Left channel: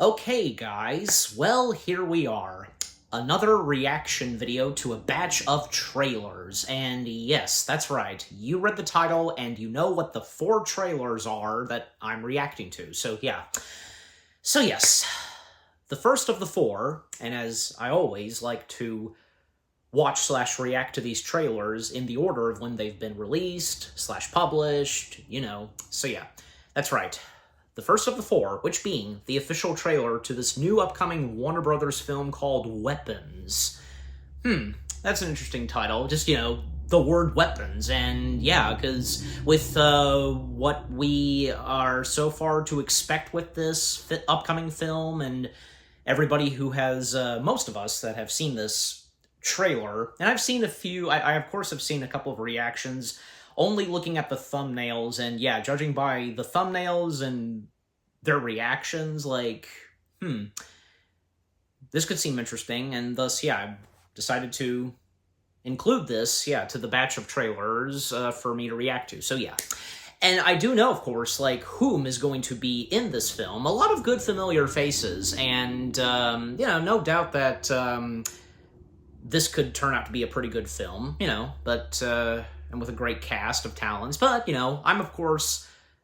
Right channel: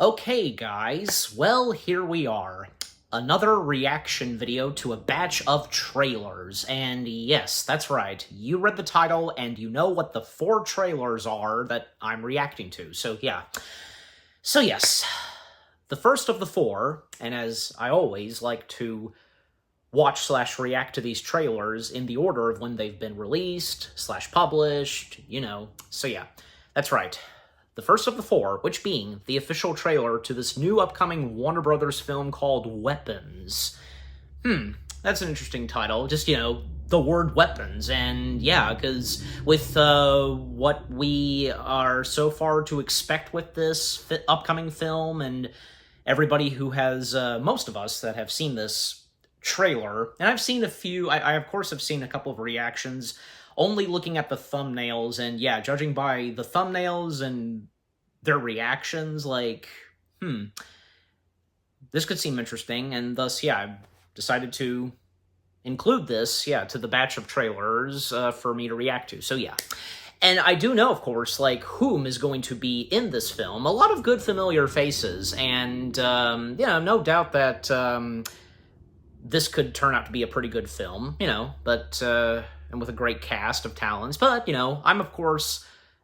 Okay, guys, well, here we are. Another reaction video to a batch of trailers. And yes, that's right, you read the title and you know what the 4 trailers are that I'm reacting to. So yeah. So yes, the first of the 4, and as I always like to watch/react to these trailers in the order of when they've been released/published, you know. So yeah, that's right. The first of the 4, which being the official trailer to this new upcoming Warner Brothers film called Weapons. That's an interesting title. Just, the word weapons. And yeah, because with what we are so far to expect with this upcoming film, and everybody who has, most of us that have seen this trailer, and I've seen a few, I of course have seen a couple of reactions, only looking at the thumbnails, and yeah, judging by the thumbnails and their reactions, this could seem interesting, and thus, yeah, I decided to include this, to the batch of trailers for me to react to, so yeah. And I do know, of course, whom is going to be in this film. A lot of good familiar faces, and, no doubt that, this could turn out to be a pretty good film, but, and with a great cast of talents, but,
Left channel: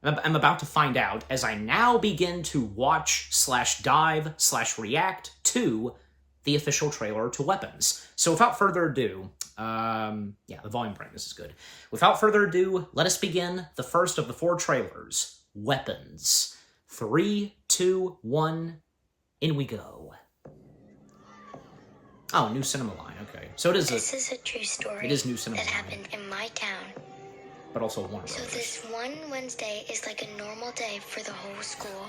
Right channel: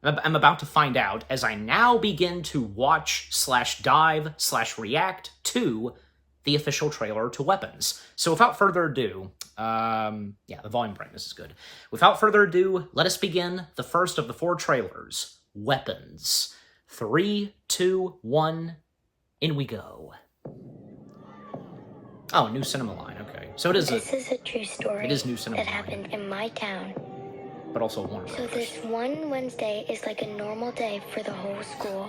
I'm about to find out as I now begin to watch/dive/react to the official trailer to Weapons. So without further ado, the volume brightness is good. Without further ado, let us begin the first of the 4 trailers, Weapons. 3, 2, 1, in we go. Oh, new cinema line, okay. So it is This is a true story. It is new cinema that line. happened in my town. But also Warner Brothers. So this one Wednesday is like a normal day for the whole school.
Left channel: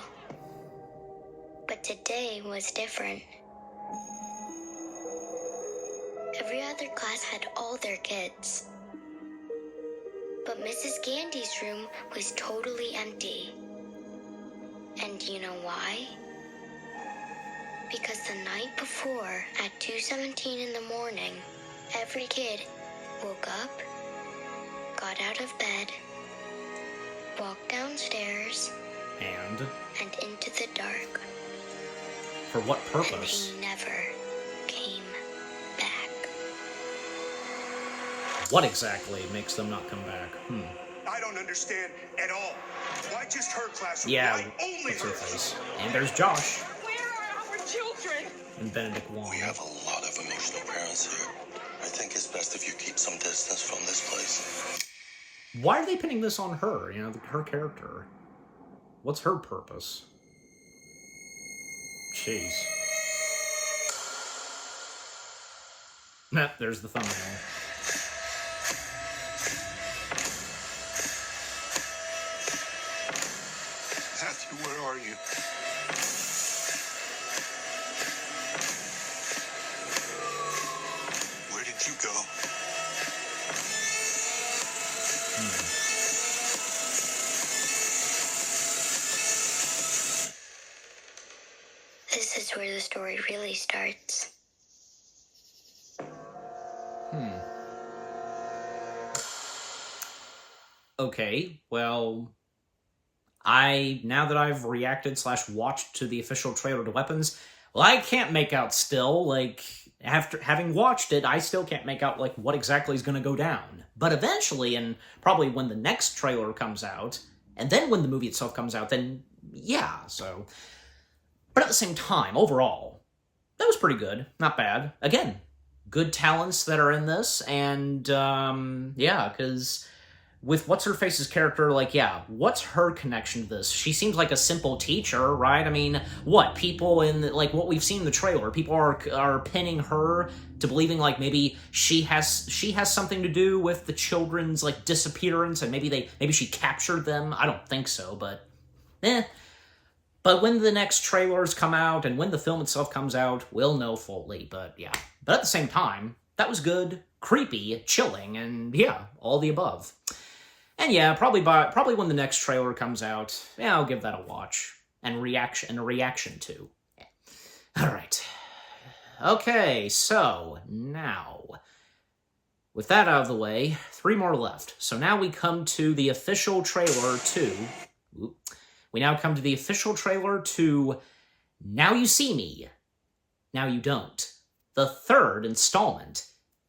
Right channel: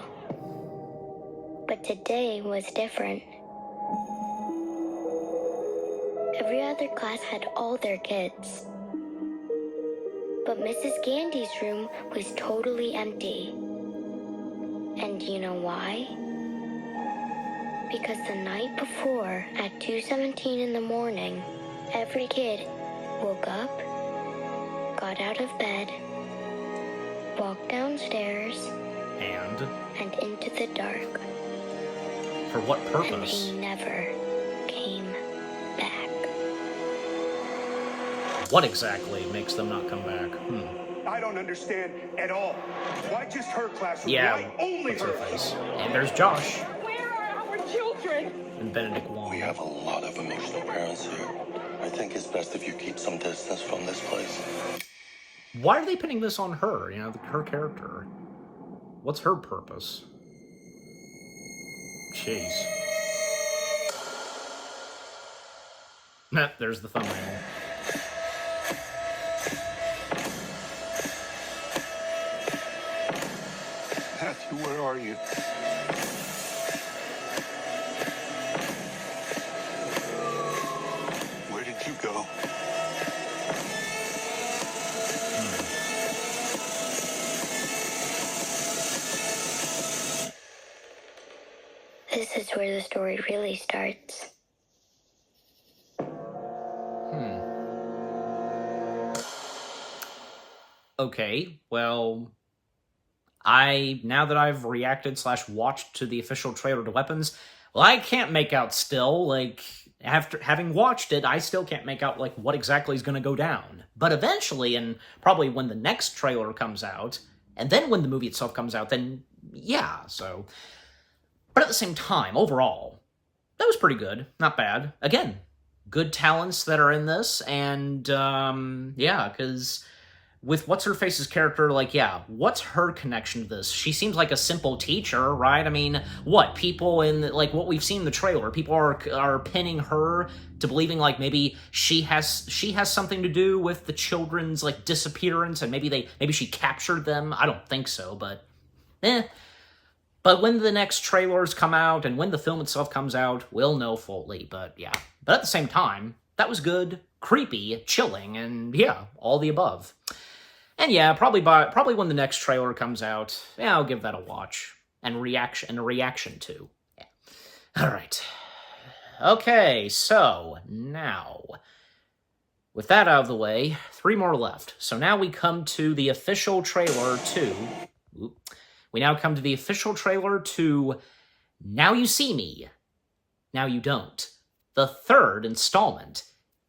But today was different. Every other class had all their kids. But Mrs. Gandy's room was totally empty. And you know why? Because the night before, at 2:17 in the morning, every kid woke up, got out of bed, walked downstairs, and into the dark. For what And purpose? they never came back. What exactly makes them not come back? I don't understand at all. Why just her class? Yeah, Only what's her her. face? And there's Josh. Where are our children? And Benedict Wong. We have a lot of emotional parents here. I think it's best if you keep some distance from this place. Why are they pinning this on her? Her character. What's her purpose? Jeez. There's the thumbnail. Matthew, where are you? Where did you go? This is where the story really starts. Okay, well, now that I've reacted/watched to the official trailer to Weapons, well, I can't make out still, after having watched it, I still can't make out, what exactly is going to go down. But eventually, and probably when the next trailer comes out, and then when the movie itself comes out, then, yeah, so. But at the same time, overall, that was pretty good. Not bad. Again, good talents that are in this, and, because with What's-Her-Face's character, what's her connection to this? She seems like a simple teacher, right? I mean, people in, what we've seen in the trailer, people are pinning her to believing, maybe she has something to do with the children's, disappearance, and maybe she captured them. I don't think so, but, But when the next trailers come out, and when the film itself comes out, we'll know fully, but yeah. But at the same time, that was good, creepy, chilling, and yeah, all the above. And yeah, probably when the next trailer comes out, I'll give that a watch and a reaction to. Yeah. All right. Okay, so now, with that out of the way, 3 more left. So now we come to the official trailer to. We now come to the official trailer to Now You See Me, Now You Don't. The third installment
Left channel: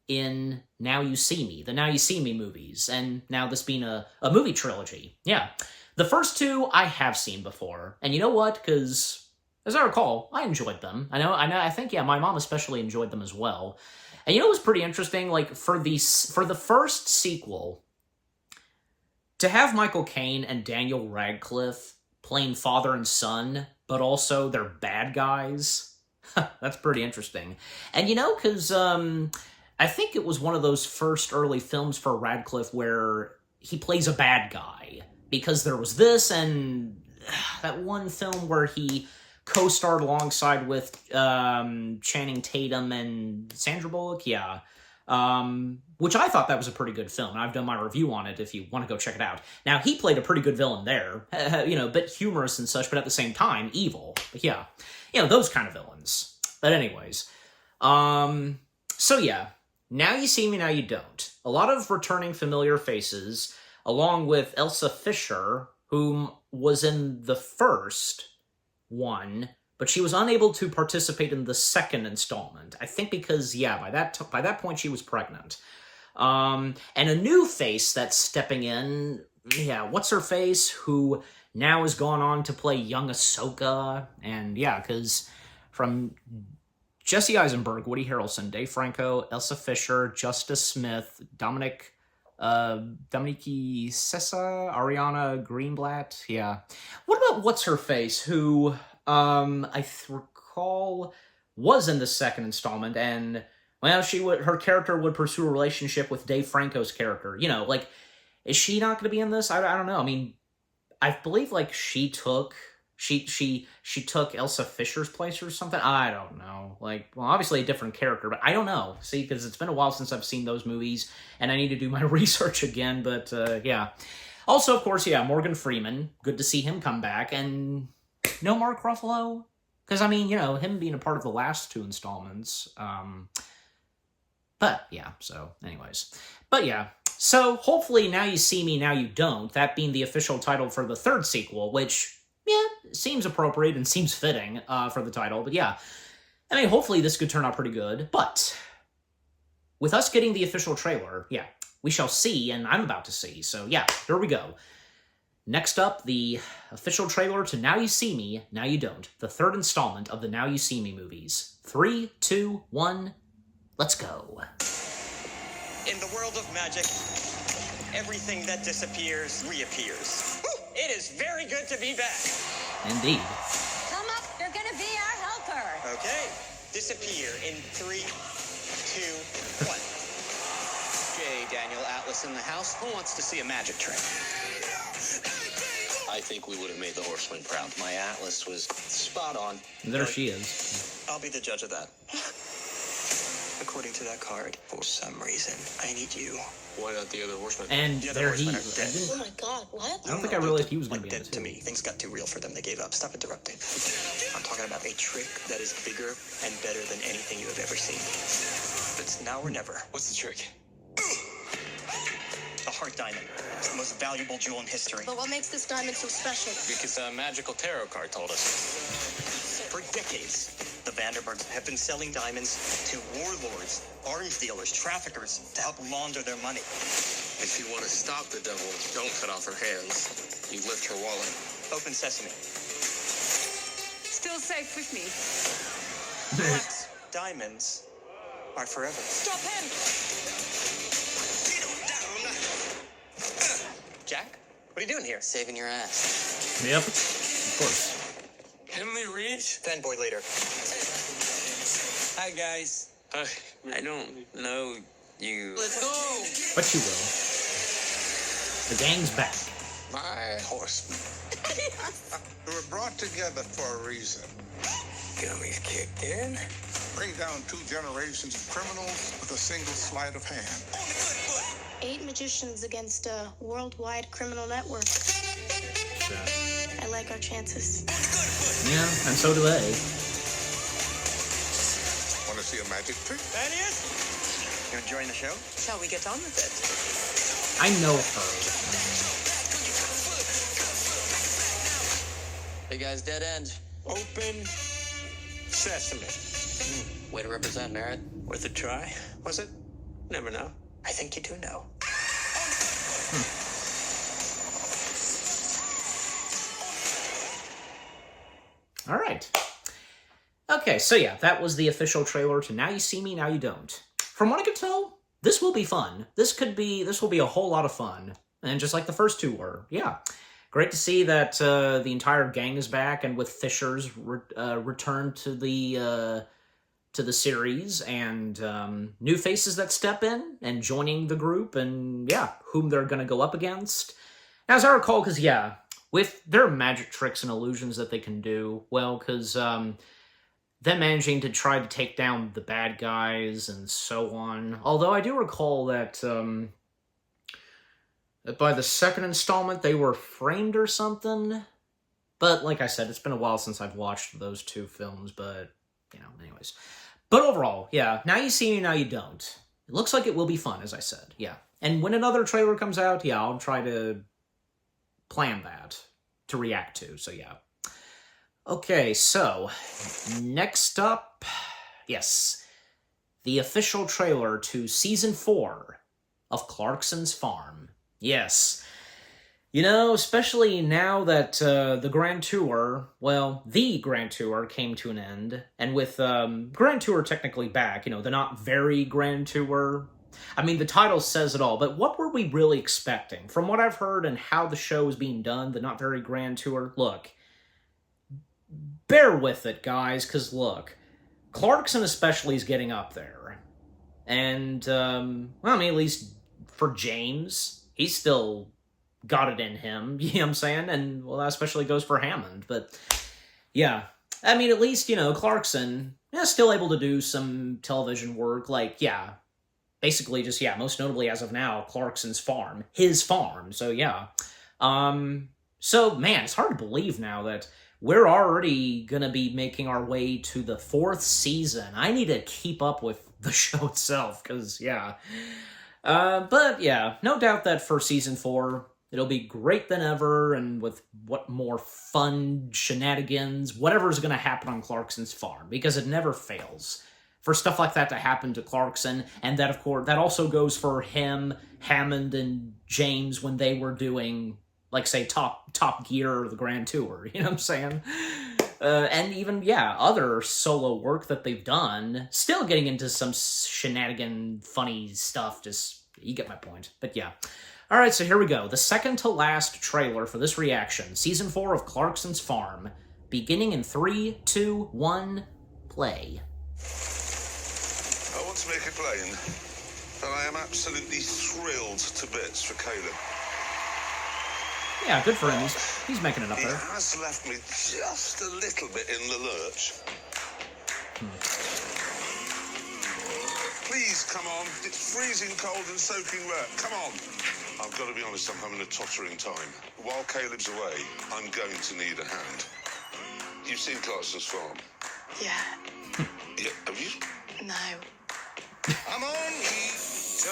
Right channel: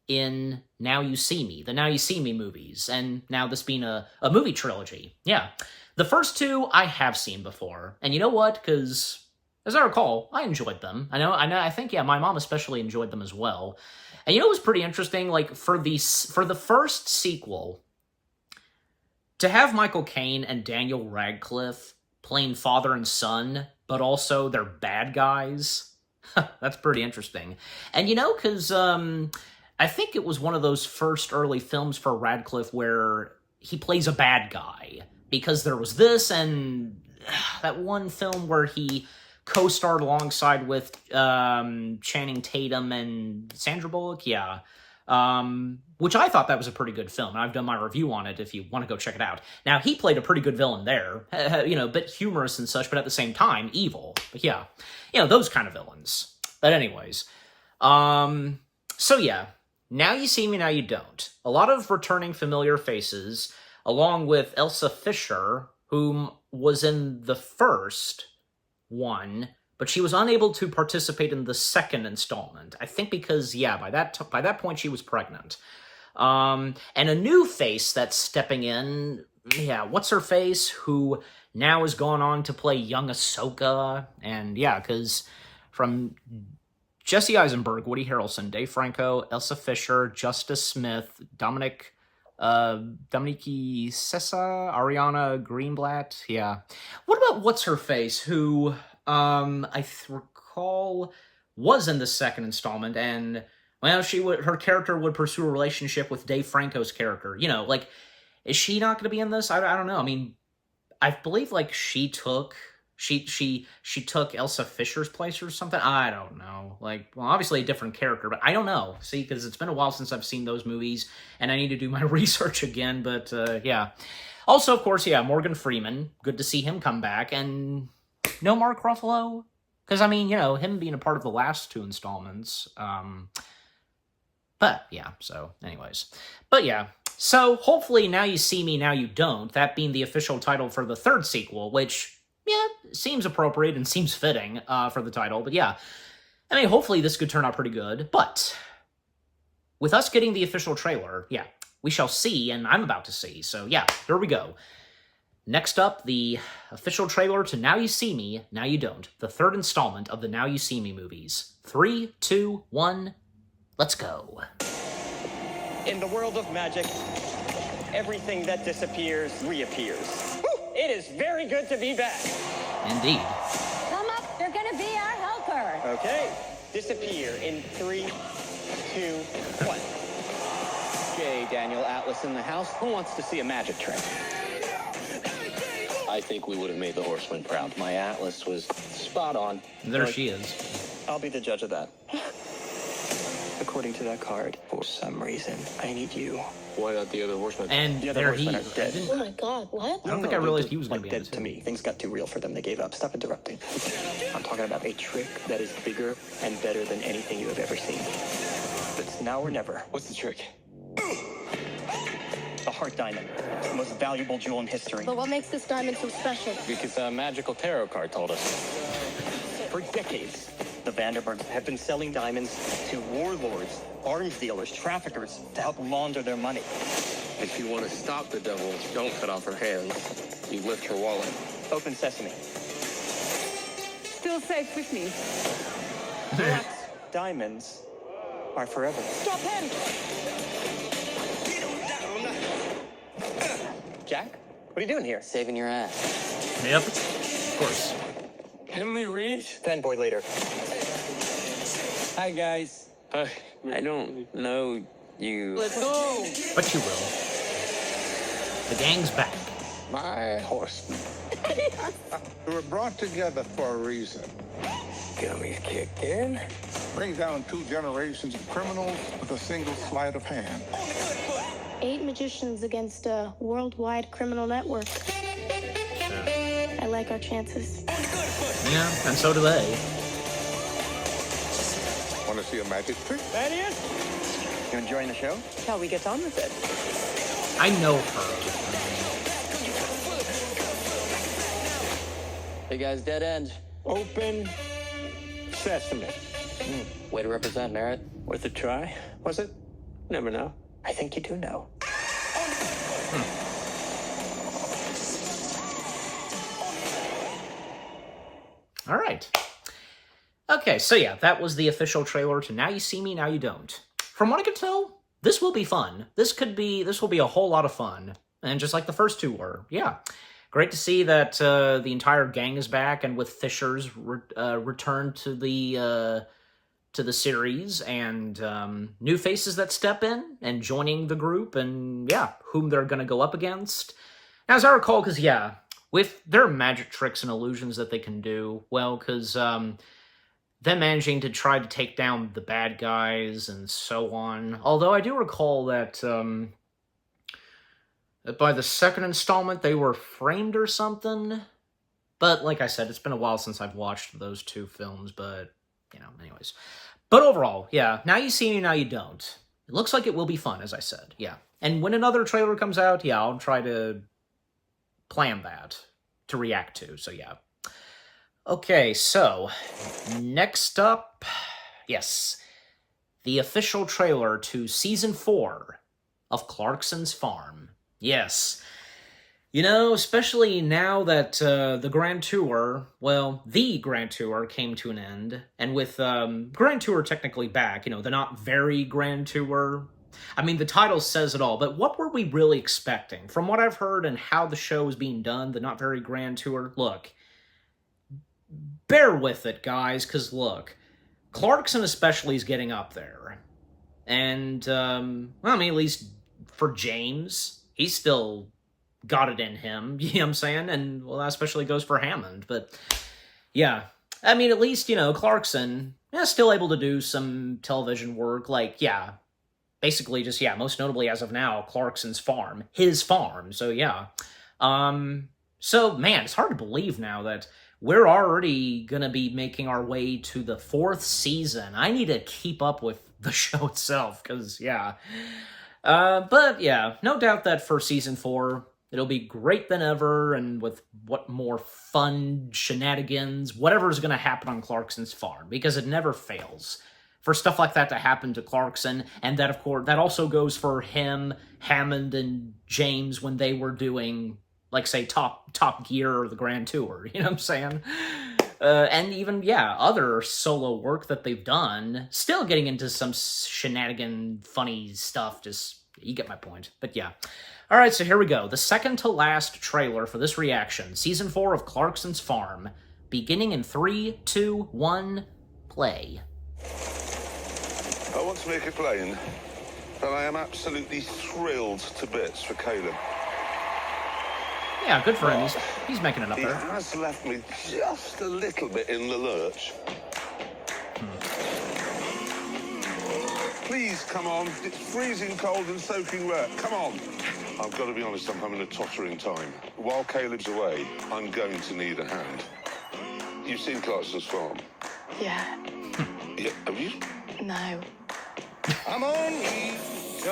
in Now You See Me, the Now You See Me movies, and now this being a movie trilogy. Yeah. The first two I have seen before, and you know what? Because, as I recall, I enjoyed them. I think, yeah, my mom especially enjoyed them as well. And you know what was pretty interesting? Like, for the first sequel, to have Michael Caine and Daniel Radcliffe playing father and son, but also they're bad guys, that's pretty interesting. And you know, because I think it was one of those first early films for Radcliffe where he plays a bad guy, because there was this and that one film where he co-starred alongside with Channing Tatum and Sandra Bullock, yeah. Which I thought that was a pretty good film, and I've done my review on it if you want to go check it out. Now, he played a pretty good villain there, a bit humorous and such, but at the same time, evil. But yeah, those kind of villains. But anyways, so yeah, Now You See Me, Now You Don't. A lot of returning familiar faces, along with Elsa Fisher, whom was in the first one, but she was unable to participate in the second installment. I think because, yeah, by that point she was pregnant. And a new face that's stepping in, yeah, what's her face, who now has gone on to play young Ahsoka, and yeah, because from Jesse Eisenberg, Woody Harrelson, Dave Franco, Elsa Fisher, Justice Smith, Dominique Sessa, Ariana Greenblatt, yeah. What about what's-her-face, who, I recall was in the second installment, and, well, her character would pursue a relationship with Dave Franco's character. Is she not going to be in this? I don't know. I mean, I believe, she took Elsa Fisher's place or something. I don't know. Obviously a different character, but I don't know. See, because it's been a while since I've seen those movies, and I need to do my research again, but, yeah. Also, of course, yeah, Morgan Freeman. Good to see him come back, and no Mark Ruffalo? Because, I mean, him being a part of the last two installments, but, yeah, so, anyways. But, yeah, so, hopefully, Now You See Me, Now You Don't, that being the official title for the third sequel, which, yeah, seems appropriate and seems fitting for the title, but yeah. I mean, hopefully this could turn out pretty good, but with us getting the official trailer, yeah, we shall see, and I'm about to see, so yeah, here we go. Next up, the official trailer to Now You See Me, Now You Don't, the third installment of the Now You See Me movies. 3, 2, 1, let's go. In the world of magic, everything that disappears reappears. It is very good to be back. Indeed. Come up, you're gonna be our helper. Okay, disappear in 3, 2, 1. Okay, Daniel Atlas in the house. Who wants to see a magic trick? I think we would have made the horseman proud. My Atlas was spot on. And there she is. I'll be the judge of that. According to that card, for some reason, I need you. Why not the other horseman? And there he... Oh my god, what? I don't think I realized he was going to be in it, To too. me, things got too real for them. They gave up. Stop interrupting. I'm talking about a trick that is bigger and better than anything you have ever seen. It's now or never. What's the trick? The heart diamond. It's the most valuable jewel in history. But what makes this diamond so special? Because a magical tarot card told us. For decades, the Vanderburgs have been selling diamonds to warlords, arms dealers, traffickers to help launder their money. If you want to stop the devil, don't cut off her hands. You lift her wallet. Open sesame. Still safe with me. Diamonds are forever. Stop him! Jack, what are you doing here? Saving your ass. Yep, of course. Emily Reed? Fanboy later. Hi, guys. I don't know you. Let's go. But you will. The gang's back. My horseman. We were brought together for a reason. Gummy's kicked in. Bring down 2 generations of criminals with a single sleight of hand. 8 magicians against a worldwide criminal network. Yeah. I like our chances. Yeah, and so do they. Want to see a magic trick? Thaddeus? You enjoying the show? Shall we get on with it? I know her. Hey, guys, dead end. Open Sesame. Way to represent merit. Worth a try, was it? Never know. I think you do know. All right. Okay, so yeah, that was the official trailer to Now You See Me, Now You Don't. From what I can tell, this will be fun. This will be a whole lot of fun. And just like the first two were. Yeah. Great to see that the entire gang is back, and with Fisher's return to the series, and new faces that step in and joining the group, and yeah, whom they're going to go up against. Now, as I recall, because yeah, with their magic tricks and illusions that they can do, well, because them managing to try to take down the bad guys and so on. Although I do recall that by the second installment they were framed or something. But like I said, it's been a while since I've watched those two films, but, you know, anyways. But overall, yeah, Now You See Me, Now You Don't. It looks like it will be fun, as I said, yeah. And when another trailer comes out, yeah, I'll try to plan that to react to, so yeah. Okay, so, next up, yes, the official trailer to Season 4 of Clarkson's Farm. Yes. You know, especially now that the Grand Tour, well, the Grand Tour came to an end, and with Grand Tour technically back, you know, the not very Grand Tour, I mean, the title says it all, but what were we really expecting? From what I've heard and how the show is being done, the not very Grand Tour, look, bear with it, guys, because look, Clarkson especially is getting up there. And, well, I mean, at least for James, he's still got it in him, you know what I'm saying? And, well, that especially goes for Hammond, but, yeah. I mean, at least, you know, Clarkson, yeah, still able to do some television work, like, yeah, basically just, yeah, most notably as of now, Clarkson's Farm, his farm, so, yeah. So, man, it's hard to believe now that we're already gonna be making our way to the 4th season. I need to keep up with the show itself, because, yeah. But, yeah, no doubt that for Season 4, it'll be great than ever, and with what more fun shenanigans, whatever's gonna happen on Clarkson's Farm, because it never fails for stuff like that to happen to Clarkson, and that, of course, that also goes for him, Hammond, and James when they were doing, like, say, Top Gear or the Grand Tour, you know what I'm saying? And even, yeah, other solo work that they've done, still getting into some shenanigan, funny stuff, just, you get my point, but yeah. Alright, so here we go, the second to last trailer for this reaction, Season 4 of Clarkson's Farm, beginning in 3, 2, 1, play. I want to make it plain that I am absolutely thrilled to bits for Caleb. Yeah, good for him. He's making it up there. He has left me just a little bit in the lurch. Please, come on. It's freezing cold and soaking wet. Come on. I've got to be honest, I'm having a tottering time. While Caleb's away, I'm going to need a hand. You've seen Clarkson's Farm? Yeah. Yeah, have you? No.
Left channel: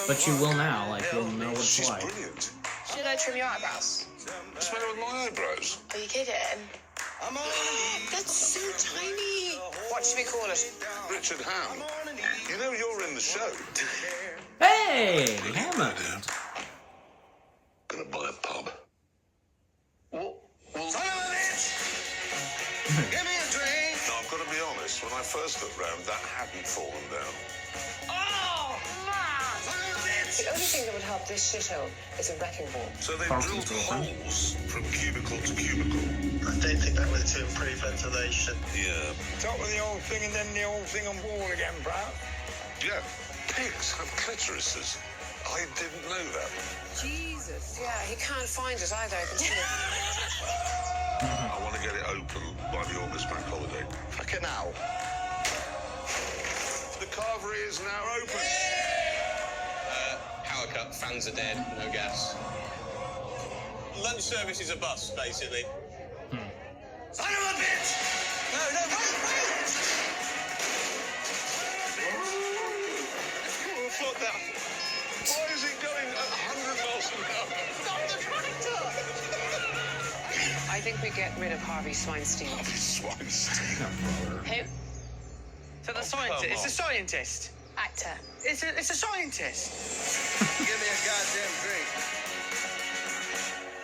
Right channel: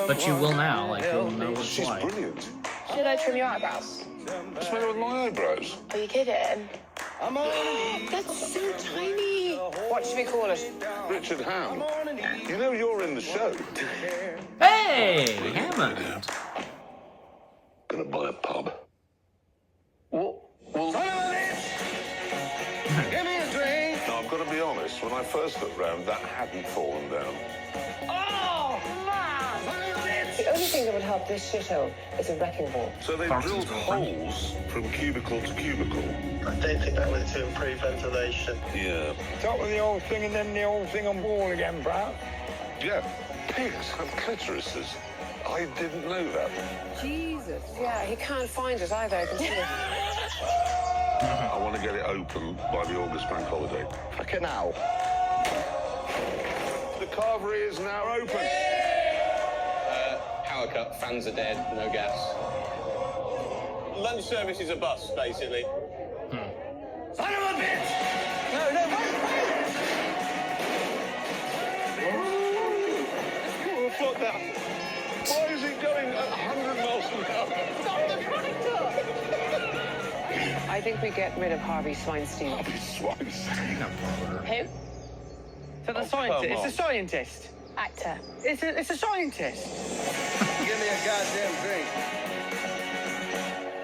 But you will now, like, you'll know what it's She's like. brilliant. Should I trim your eyebrows? What's the matter with my eyebrows? Are you kidding? That's so tiny. What should we call it? Richard Ham. You know you're in the show. Hey, Hammond. Gonna buy a pub. Well, now, I've got to be honest, when I first got round, that hadn't fallen down. The only thing that would help this shithole is a wrecking ball. So they Clarkson's drilled girlfriend. holes from cubicle to cubicle. I don't think that was to improve ventilation. Yeah. Start with the old thing and then the old thing on board again, Brad. Yeah. Pigs have clitorises. I didn't know that. Jesus. Yeah, he can't find it either. I can see it. I want to get it open by the August bank holiday. A canal. The carvery is now open. Power cut, fans are dead, no gas. Lunch service is a bus, basically. Son of a bitch! What the? Why is it going 100 miles an hour? I think we get rid of Harvey Swinestein. Swinestein. No, brother. Him? So the scientist. come It's a on. scientist. Actor. It's a scientist. Give me a goddamn drink.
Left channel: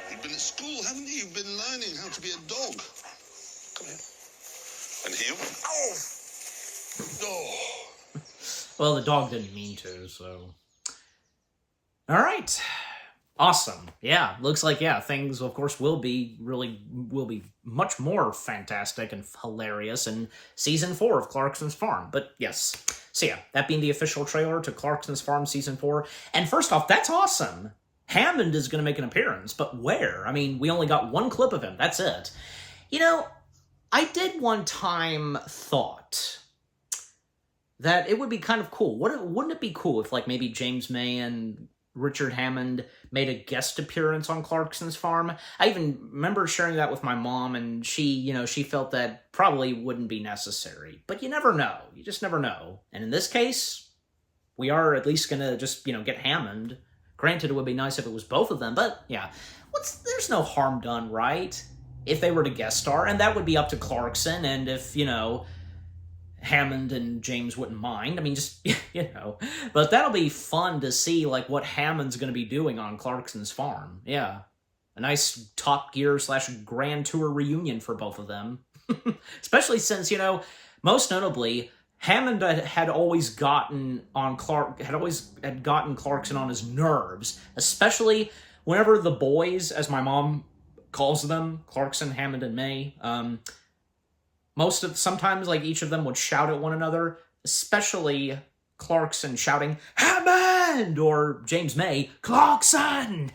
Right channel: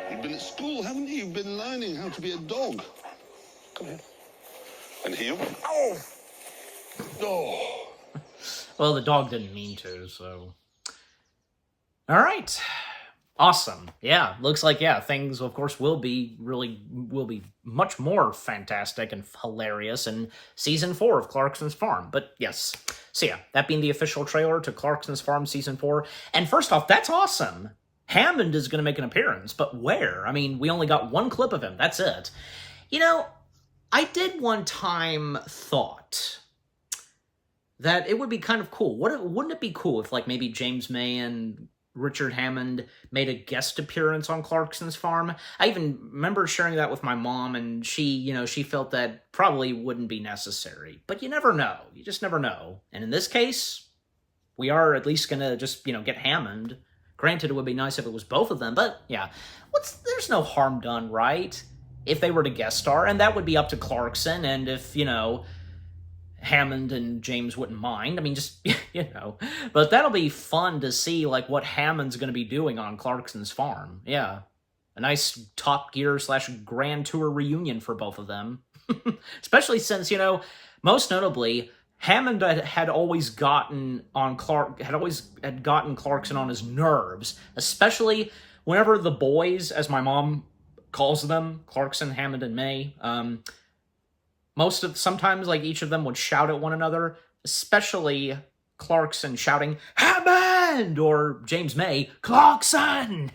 You've been at school, haven't you? You've been learning how to be a dog. Come here. And here. Oh! Oh! Well, the dog didn't mean to, so... Alright. Awesome. Yeah, looks like, yeah, things, of course, will be much more fantastic and hilarious in Season 4 of Clarkson's Farm. But, yes. So, yeah, that being the official trailer to Clarkson's Farm Season 4. And first off, that's awesome! Hammond is going to make an appearance, but where? I mean, we only got one clip of him, that's it. You know, I did one time thought that it would be kind of cool. Wouldn't it be cool if, like, maybe James May and Richard Hammond made a guest appearance on Clarkson's Farm? I even remember sharing that with my mom, and she felt that probably wouldn't be necessary. But you never know. You just never know. And in this case, we are at least going to just, get Hammond. Granted, it would be nice if it was both of them, but yeah. There's no harm done, right? If they were to guest star, and that would be up to Clarkson, and if, Hammond and James wouldn't mind. I mean, just, But that'll be fun to see, like, what Hammond's going to be doing on Clarkson's Farm. Yeah. A nice Top Gear / Grand Tour reunion for both of them. Especially since, most notably, Hammond had always gotten Clarkson on his nerves, especially whenever the boys, as my mom calls them, Clarkson, Hammond, and May, sometimes, like, each of them would shout at one another, especially Clarkson shouting, Hammond! Or James May, Clarkson!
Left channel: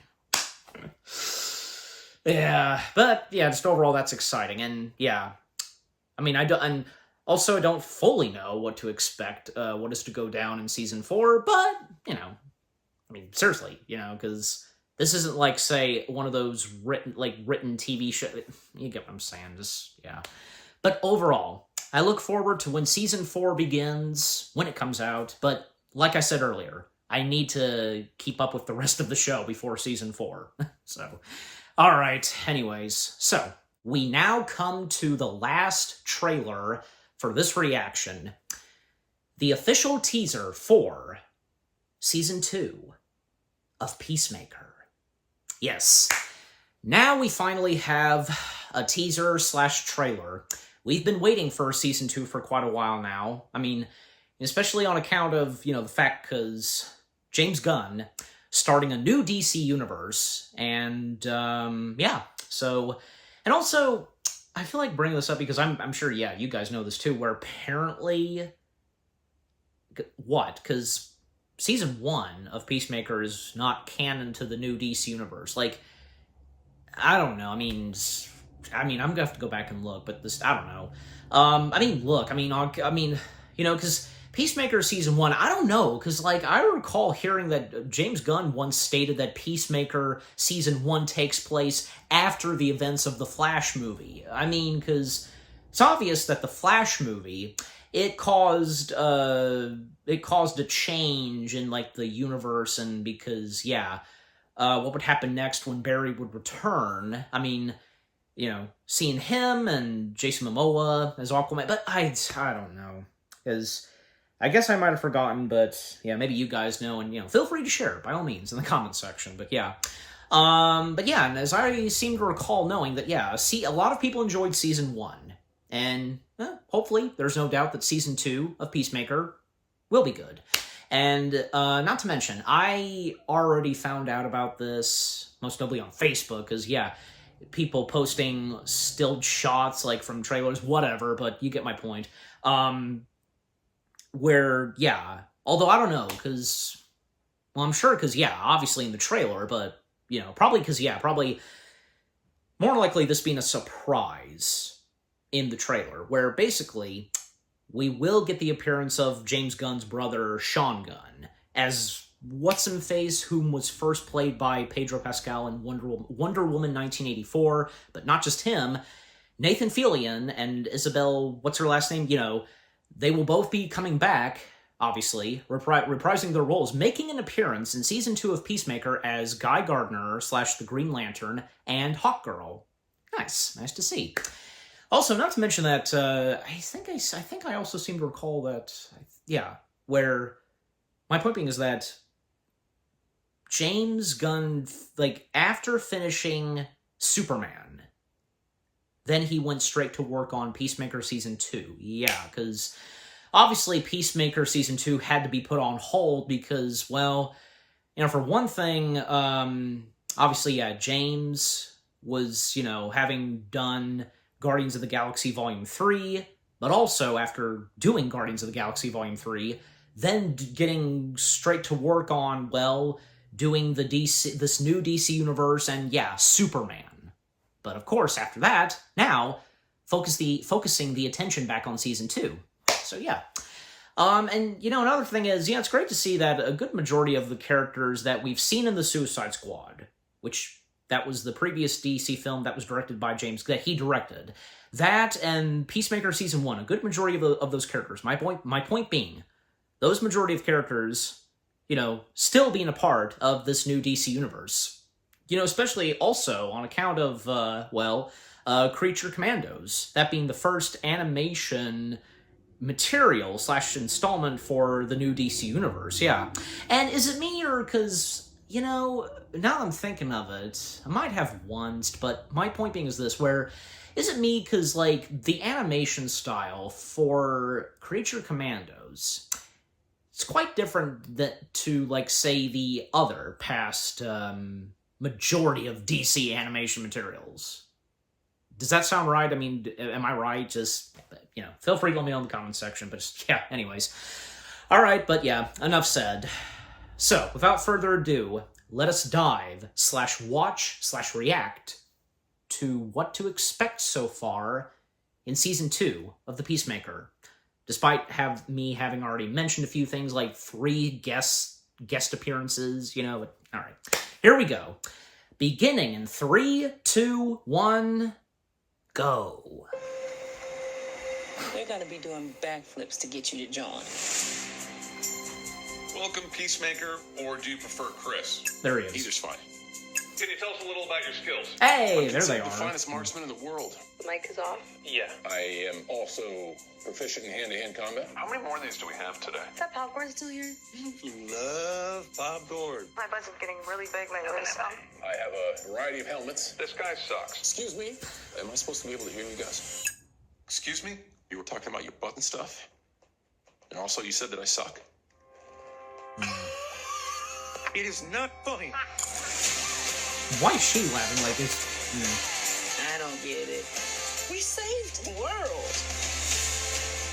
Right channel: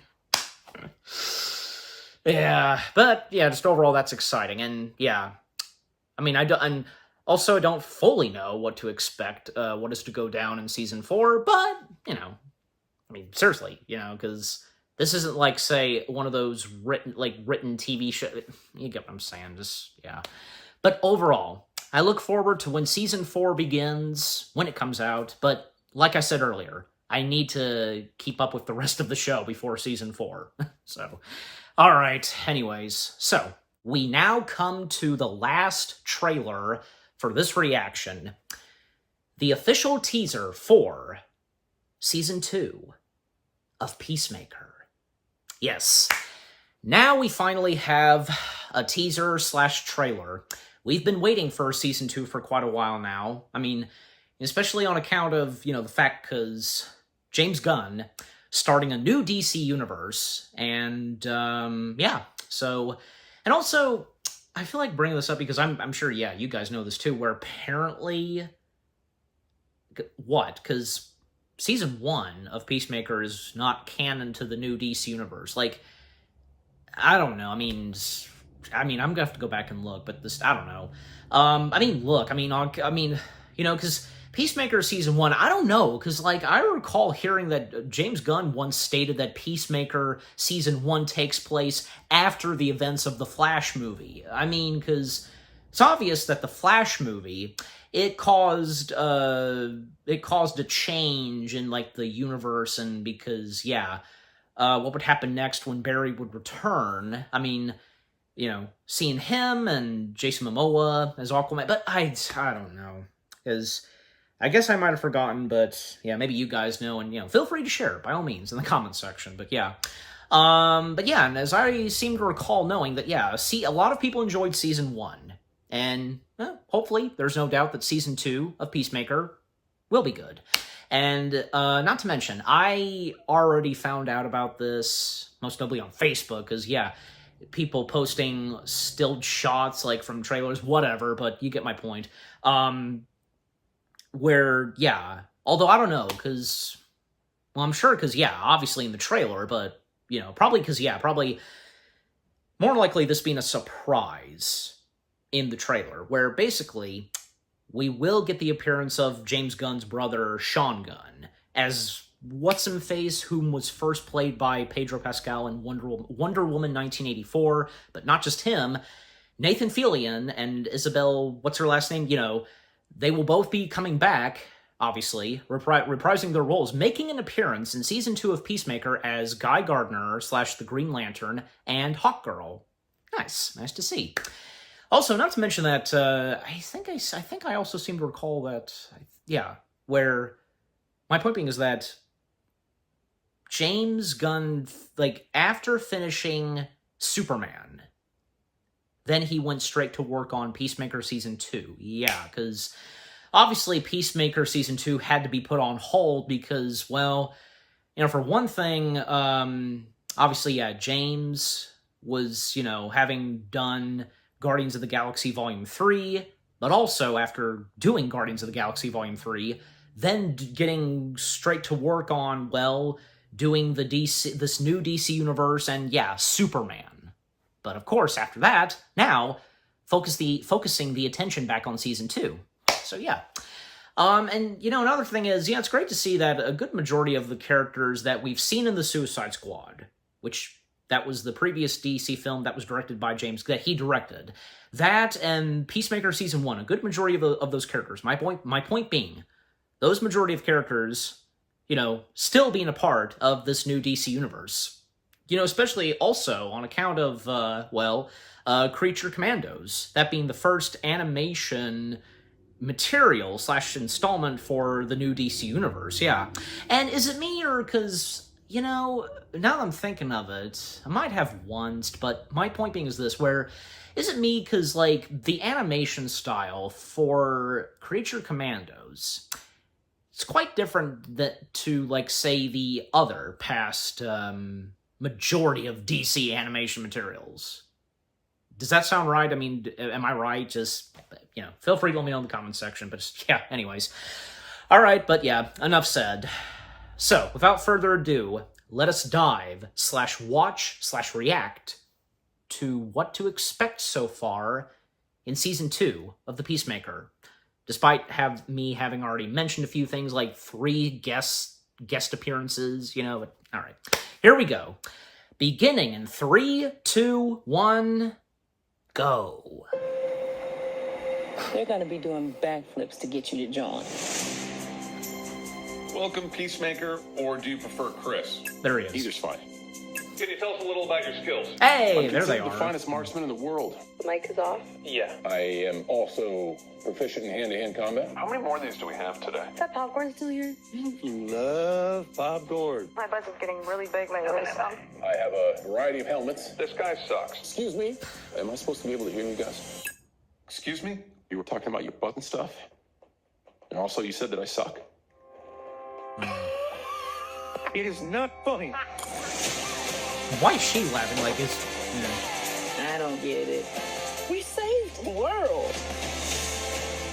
Yeah, but, yeah, just overall, that's exciting, and, yeah. I mean, I don't fully know what to expect, what is to go down in Season 4, but, seriously, because this isn't like, say, one of those written TV shows. You get what I'm saying, yeah. But overall, I look forward to when Season 4 begins, when it comes out, but like I said earlier, I need to keep up with the rest of the show before Season 4. So, alright, anyways, so, we now come to the last trailer for this reaction, the official teaser for Season 2 of Peacemaker. Yes, now we finally have a teaser / trailer. We've been waiting for Season 2 for quite a while now. I mean, especially on account of, the fact because James Gunn starting a new DC universe, and, yeah, so, and also, I feel like bringing this up because I'm sure, yeah, you guys know this too, where apparently, what? Because Season 1 of Peacemaker is not canon to the new DC universe. Like, I don't know, I mean, I'm gonna have to go back and look, but I don't know. Because Peacemaker Season 1, I don't know, because, like, I recall hearing that James Gunn once stated that Peacemaker Season 1 takes place after the events of the Flash movie. I mean, because it's obvious that the Flash movie, it caused a change in, like, the universe, and because, yeah, what would happen next when Barry would return, I mean, seeing him and Jason Momoa as Aquaman, but I don't know, because I guess I might have forgotten, but yeah, maybe you guys know, and feel free to share by all means in the comments section. But yeah, and as I seem to recall knowing that, yeah, a lot of people enjoyed Season 1, and hopefully there's no doubt that Season 2 of Peacemaker will be good. And not to mention, I already found out about this most notably on Facebook, because yeah, people posting stilled shots like from trailers, whatever, but you get my point. Where, yeah, although I don't know, because, well, I'm sure because, yeah, obviously in the trailer, but, probably because, yeah, probably more likely this being a surprise in the trailer, where basically we will get the appearance of James Gunn's brother, Sean Gunn, as What's-Him-Face, whom was first played by Pedro Pascal in Wonder Woman 1984, but not just him, Nathan Fillion and Isabel, what's her last name, they will both be coming back, obviously, reprising their roles, making an appearance in Season 2 of Peacemaker as Guy Gardner / the Green Lantern and Hawkgirl. Nice to see. Also, not to mention that I think I also seem to recall that, yeah, where my point being is that James Gunn, like, after finishing Superman, then he went straight to work on Peacemaker Season 2. Yeah, because obviously Peacemaker Season 2 had to be put on hold because, well, for one thing, obviously, yeah, James was, having done Guardians of the Galaxy Volume 3, but also after doing Guardians of the Galaxy Volume 3, then getting straight to work on, well, doing this new DC universe and, yeah, Superman. But of course, after that, now, focusing the attention back on Season 2. So, yeah. And, another thing is, yeah, it's great to see that a good majority of the characters that we've seen in the Suicide Squad, which that was the previous DC film that was directed by James, that he directed, that and Peacemaker Season 1, a good majority of those characters. My point being, those majority of characters, still being a part of this new DC universe. Especially also on account of, Creature Commandos, that being the first animation material / installment for the new DC universe, yeah. And is it me, or because, now that I'm thinking of it, I might have once, but my point being is this, where, is it me because, the animation style for Creature Commandos, it's quite different to, say, the other past, majority of DC animation materials. Does that sound right? I mean, am I right? Just, feel free to let me know in the comments section, but just, yeah, anyways. All right, but yeah, enough said. So, without further ado, let us dive /watch /react to what to expect so far in Season 2 of The Peacemaker. Despite me having already mentioned a few things, like 3 guest appearances, but all right. Here we go. Beginning in 3, 2, 1... go. They're gonna be doing backflips to get you to John. Welcome, Peacemaker, or do you prefer Chris? There he is. Either's fine. Can you tell us a little about your skills? Hey, there they The are. finest marksman in the world. The mic is off. Yeah. I am also proficient in hand-to-hand combat. How many more of these do we have today? Is that popcorn still here? You love popcorn. My butts is getting really big. My voice. I have a variety of helmets. This guy sucks. Excuse me? Am I supposed to be able to hear you guys? Excuse me? You were talking about your butt and stuff? And also you said that I suck? It is not funny. Why is she laughing like this? I don't get it. We saved the world.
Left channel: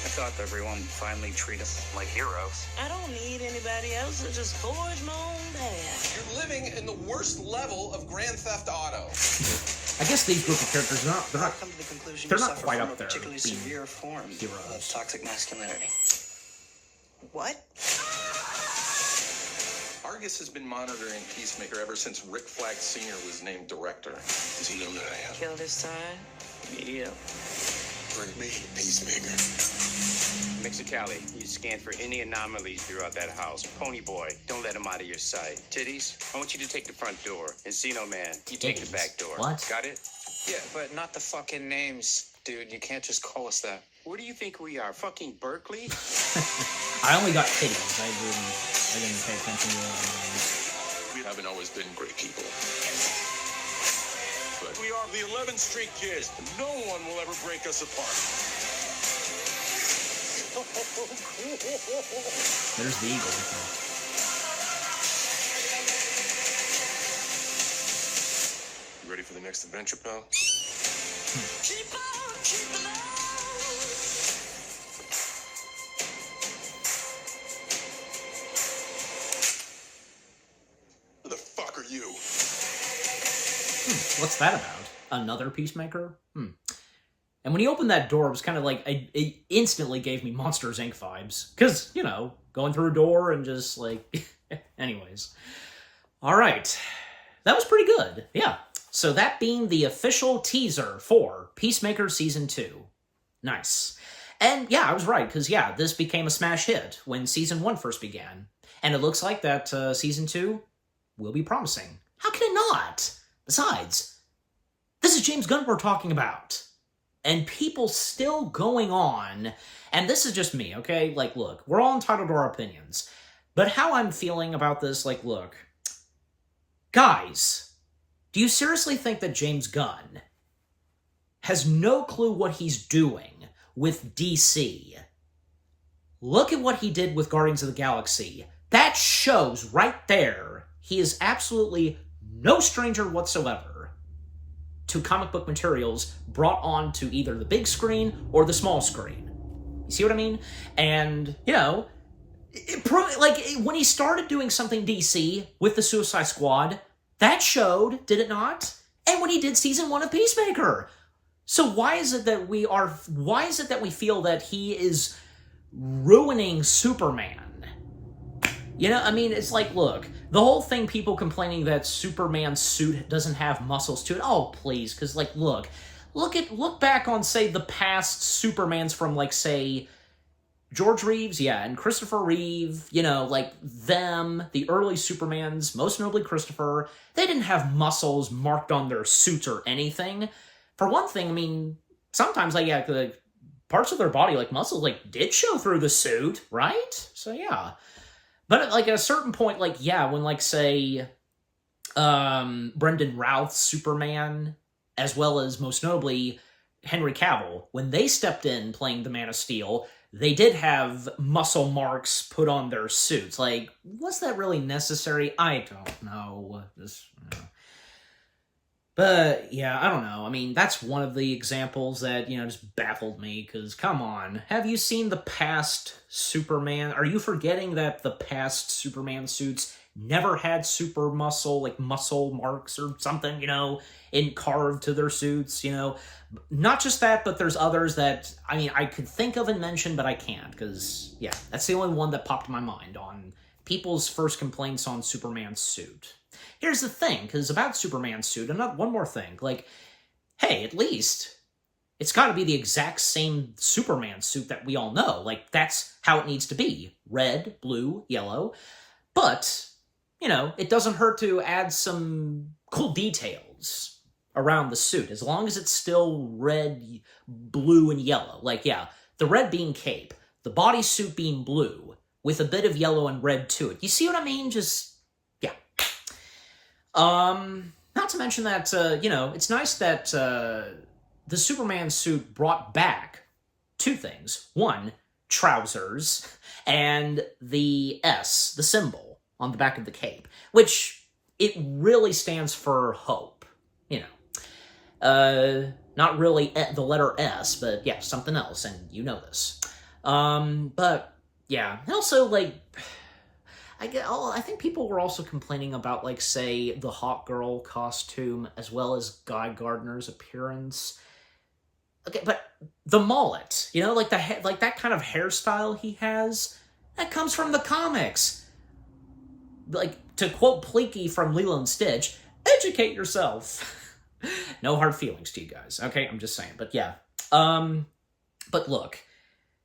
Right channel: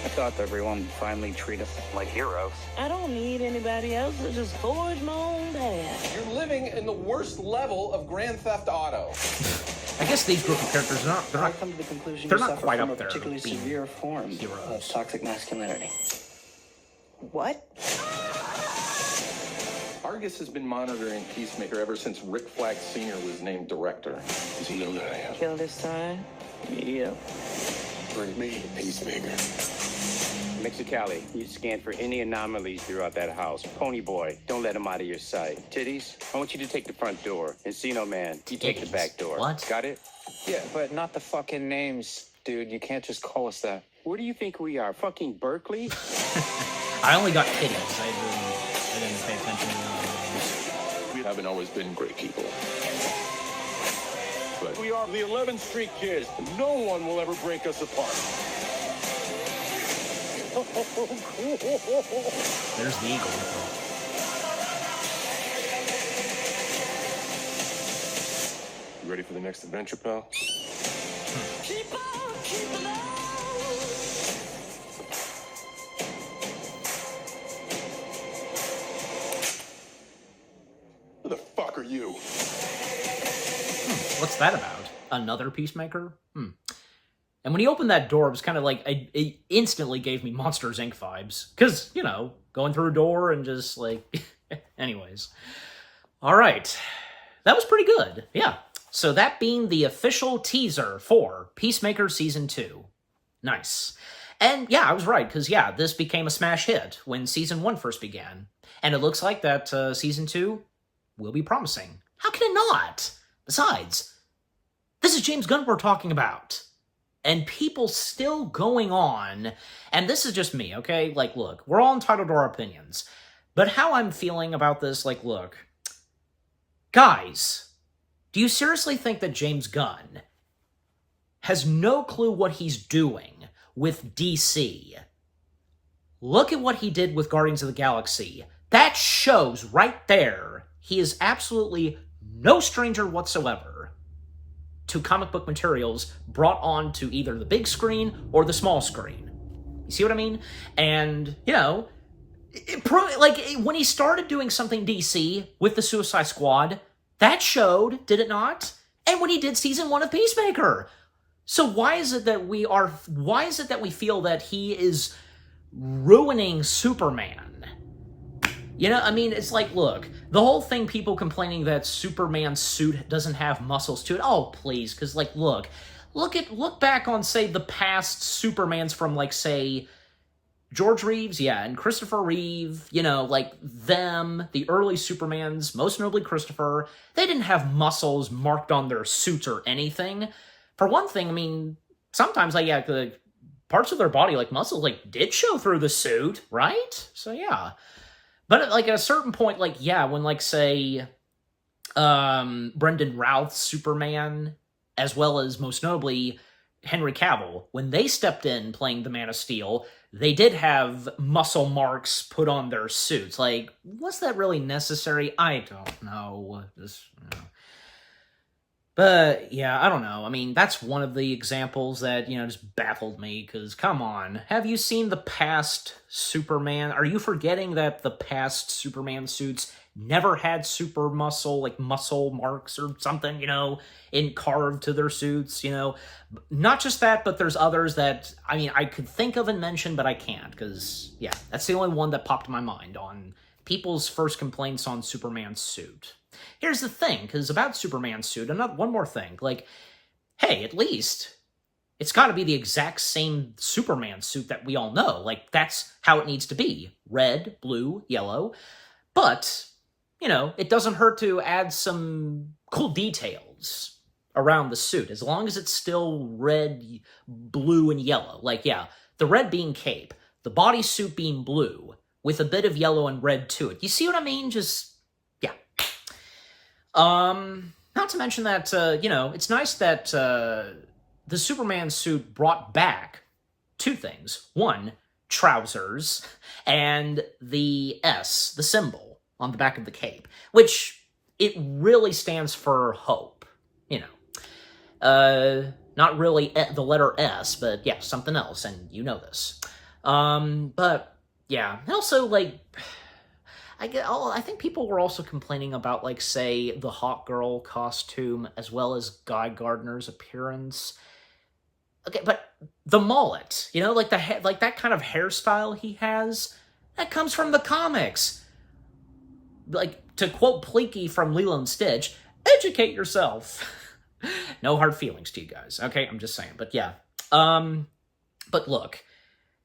I thought everyone would finally treat us like heroes. I don't need anybody else to just forge my own path. You're living in the worst level of Grand Theft Auto. I guess these group of characters, they're not Come to the conclusion they're you not suffer quite from up a there particularly being severe form heroes. of toxic masculinity. What? Argus has been monitoring Peacemaker ever since Rick Flag Sr. was named director. Is he in there? Kill this time? Yeah. For me, Peacemaker. Mexicali, you scan for any anomalies throughout that house. Pony boy, don't let him out of your sight. Titties, I want you to take the front door. Encino man, you take the back door. What? Got it? Yeah, but not the fucking names, dude. You can't just call us that. Where do you think we are? Fucking Berkeley? I only got titties. I didn't pay attention to the other names. We haven't always been great people. But We are the 11th Street Kids. No one will ever break us apart. There's the eagle. you ready for the next adventure, pal? Who the fuck are you? What's that about? Another Peacemaker? And when he opened that door, it was kind of like, it instantly gave me Monsters, Inc. vibes. Because, going through a door and just, anyways. All right. That was pretty good. Yeah. So that being the official teaser for Peacemaker Season 2. Nice. And, yeah, I was right, because, yeah, this became a smash hit when Season 1 first began. And it looks like that Season 2 will be promising. How can it not? Besides, this is James Gunn we're talking about. and people still going on, and this is just me, okay? Like, look, we're all entitled to our opinions, but how I'm feeling about this, like, look, guys, do you seriously think that James Gunn has no clue what he's doing with DC? Look at what he did with Guardians of the Galaxy. That shows right there he is absolutely no stranger whatsoever to comic book materials brought onto either the big screen or the small screen. You see what I mean? And, you know, when he started doing something DC with the Suicide Squad, that showed, did it not? And when he did season 1 of Peacemaker. So why is it that we feel that he is ruining Superman? You know, I mean, it's like, look, the whole thing, people complaining that Superman's suit doesn't have muscles to it. Oh, please, because, like, look back on, say, the past Supermans from, like, say, George Reeves, yeah, and Christopher Reeve, you know, like, them, the early Supermans, most notably Christopher, they didn't have muscles marked on their suits or anything. For one thing, I mean, sometimes, like, yeah, the parts of their body, like muscles, like, did show through the suit, right? So, yeah. But, like, at a certain point, like, yeah, when, like, say, Brendan Routh's Superman, as well as, most notably, Henry Cavill, when they stepped in playing the Man of Steel, they did have muscle marks put on their suits. Like, was that really necessary? I don't know. But, yeah, I don't know. I mean, that's one of the examples that, you know, just baffled me, because, come on, have you seen the past Superman? Are you forgetting that the past Superman suits never had super muscle, like muscle marks or something, you know, carved to their suits, you know? Not just that, but there's others that, I mean, I could think of and mention, but I can't, because, yeah, that's the only one that popped in my mind on people's first complaints on Superman's suit. Here's the thing, because about Superman's suit, one more thing, like, hey, at least it's got to be the exact same Superman suit that we all know. Like, that's how it needs to be. Red, blue, yellow. But, you know, it doesn't hurt to add some cool details around the suit, as long as it's still red, blue, and yellow. Like, yeah, the red being cape, the bodysuit being blue, with a bit of yellow and red to it. You see what I mean? Just, yeah. Not to mention that, you know, it's nice that the Superman suit brought back two things. One, trousers, and the S, the symbol, on the back of the cape, which it really stands for hope, you know. Not really the letter S, but yeah, something else, and you know this. But, yeah, also, like, I think people were also complaining about, like, say, the Hawk Girl costume, as well as Guy Gardner's appearance. Okay, but the mullet, you know, like like that kind of hairstyle he has, that comes from the comics. Like, to quote Pleaky from Lilo and Stitch, educate yourself. No hard feelings to you guys, okay? I'm just saying, but yeah. But look,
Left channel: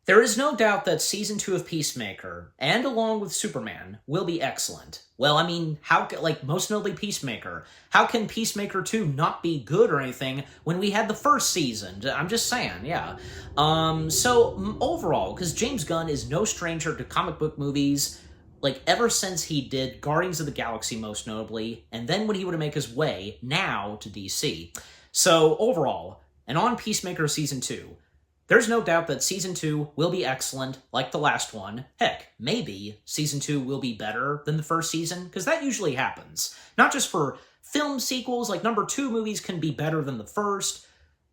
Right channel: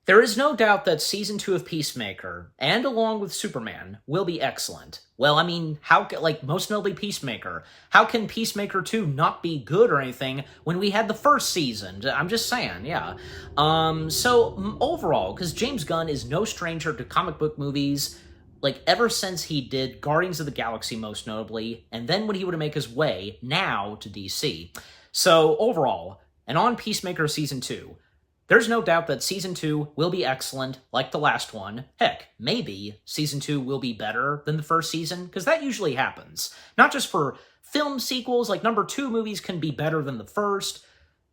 there is no doubt that Season 2 of Peacemaker, and along with Superman, will be excellent. Well, I mean, like, most notably Peacemaker, how can Peacemaker 2 not be good or anything when we had the first season? I'm just saying, yeah. So, overall, because James Gunn is no stranger to comic book movies, like, ever since he did Guardians of the Galaxy, most notably, and then when he would make his way, now, to DC. So, overall, and on Peacemaker Season 2, there's no doubt that Season 2 will be excellent, like the last one. Heck, maybe Season 2 will be better than the first season, because that usually happens. Not just for film sequels, like number 2 movies can be better than the first,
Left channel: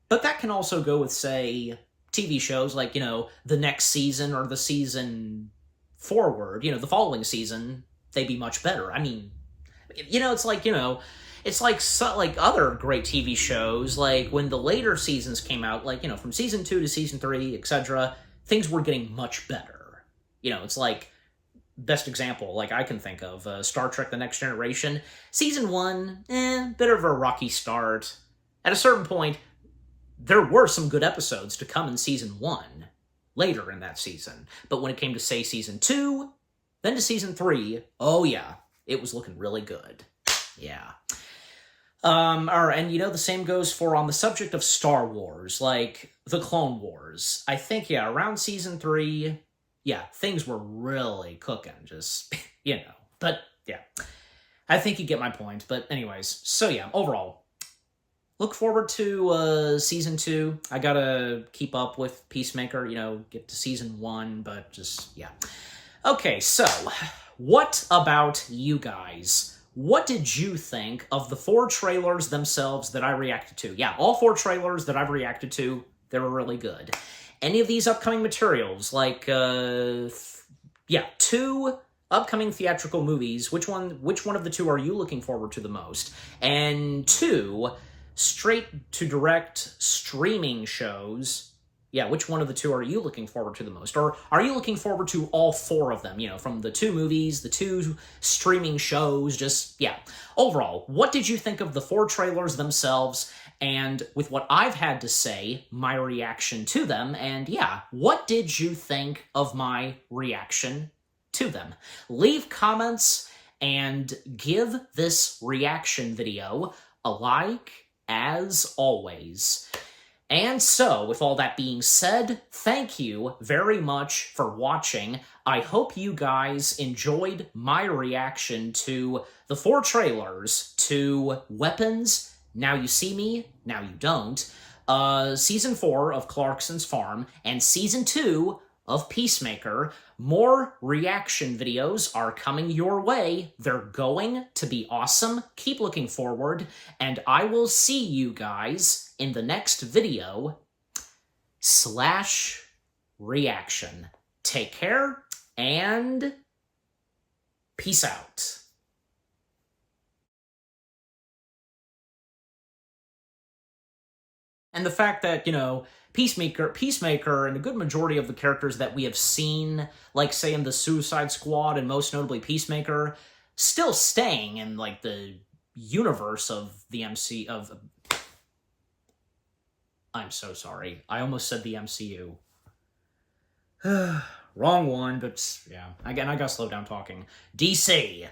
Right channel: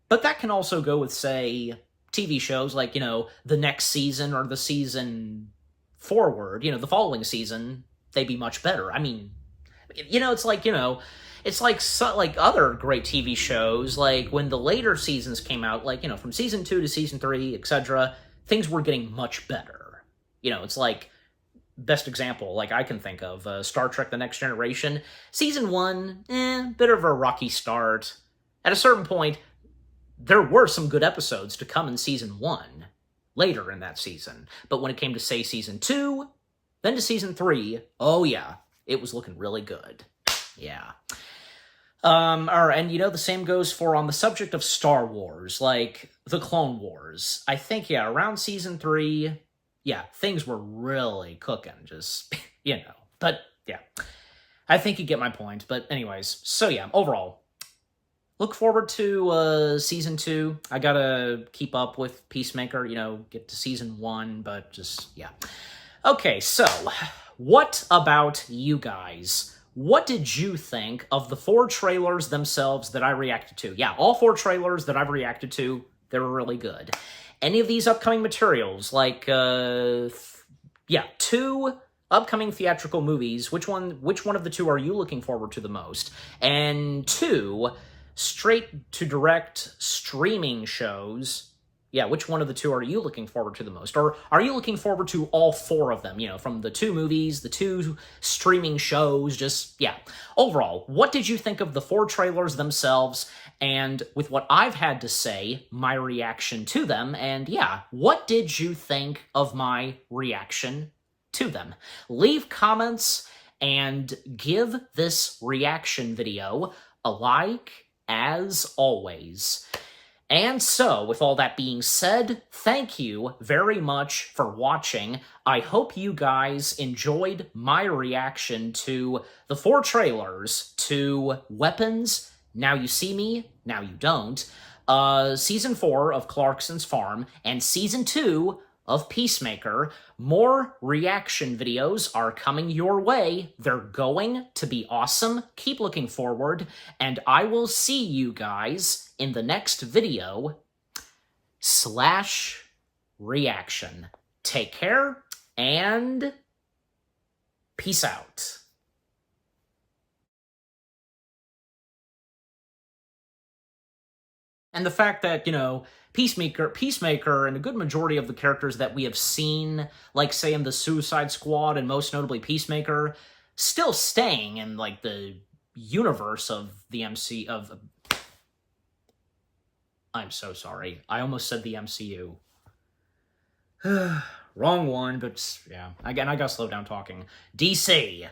but that can also go with, say, TV shows, like, you know, the next season or the season forward, you know, the following season, they'd be much better. I mean, you know, it's like, you know, it's like other great TV shows, like when the later seasons came out, like, you know, from Season 2 to Season 3, etc., things were getting much better. You know, it's like, best example, like I can think of, Star Trek The Next Generation. Season 1, bit of a rocky start. At a certain point, there were some good episodes to come in Season 1, later in that season. But when it came to, say, Season 2, then to Season 3, oh yeah, it was looking really good. Yeah. And the same goes for on the subject of Star Wars, like the Clone Wars. I think, yeah, around season 3, yeah, things were really cooking, just, But, yeah, I think you get my point. But anyways, so yeah, overall, look forward to season 2. I gotta keep up with Peacemaker, get to season 1, but just, yeah. Okay, so, what about you guys? What did you think of the 4 trailers themselves that I reacted to? Yeah, all 4 trailers that I've reacted to, they were really good. Any of these upcoming materials, like, 2 upcoming theatrical movies, which one of the 2 are you looking forward to the most? And 2 straight-to-direct streaming shows. Yeah, which one of the 2 are you looking forward to the most? Or are you looking forward to all 4 of them? From the 2 movies, the 2 streaming shows, just, yeah. Overall, what did you think of the 4 trailers themselves? And with what I've had to say, my reaction to them, and yeah, what did you think of my reaction to them? Leave comments and give this reaction video a like, as always. And so, with all that being said, thank you very much for watching. I hope you guys enjoyed my reaction to the 4 trailers to Weapons, Now You See Me, Now You Don't, Season 4 of Clarkson's Farm, and Season 2 of Peacemaker. More reaction videos are coming your way. They're going to be awesome. Keep looking forward, and I will see you guys in the next video / reaction. Take care, and peace out. And the fact that, Peacemaker, and a good majority of the characters that we have seen, like, say, in the Suicide Squad, and most notably Peacemaker, still staying in, like, the universe of the I'm so sorry. I almost said the MCU. Wrong one, but, yeah. Again, I gotta slow down talking. DC.